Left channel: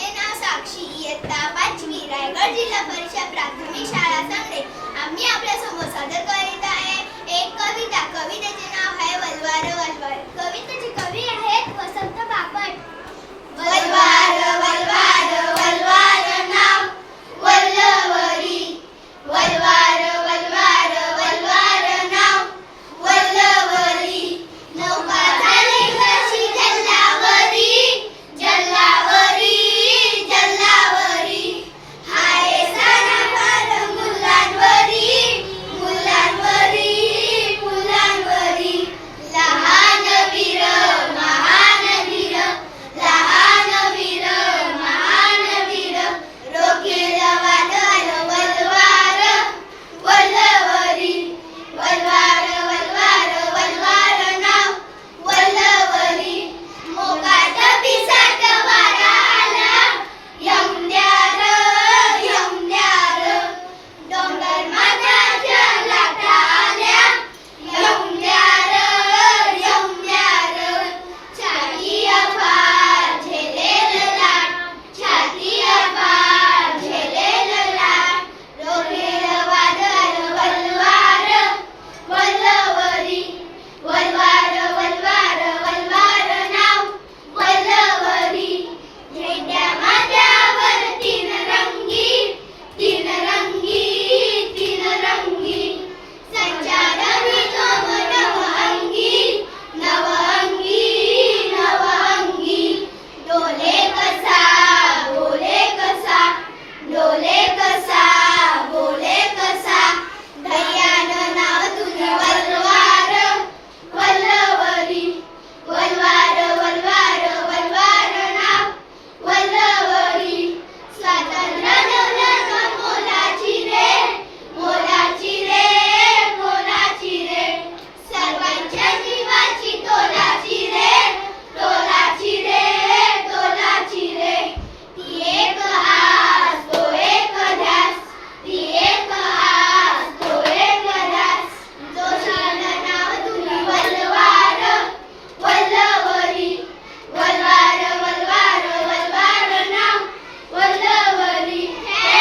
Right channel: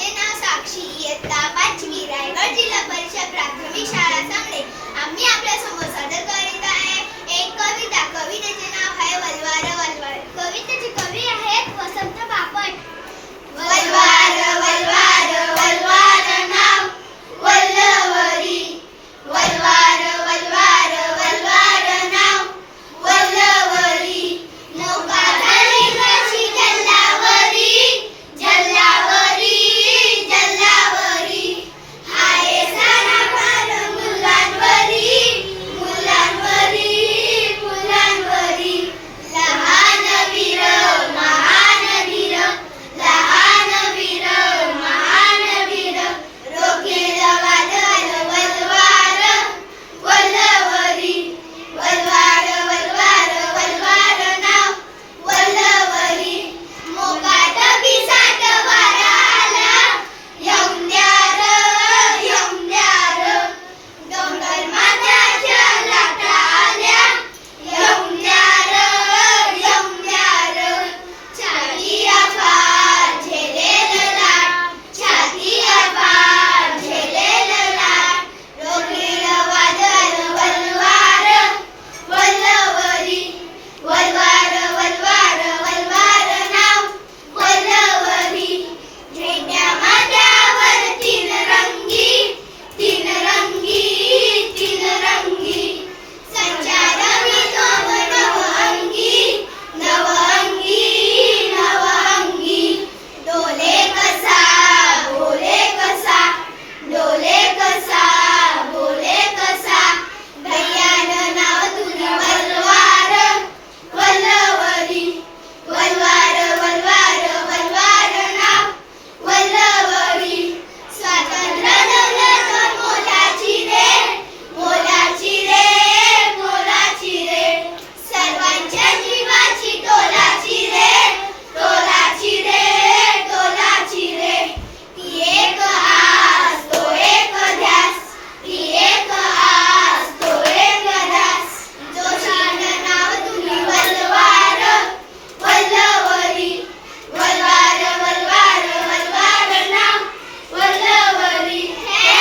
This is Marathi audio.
माझे नाव साक्षी इयत्ता पाचवी रायगड जिल्हा परिषद प्राथमिक शाळा सांगणे आम्ही आपल्यासमोर सादर करीत आहे. एक कविता कवितेचे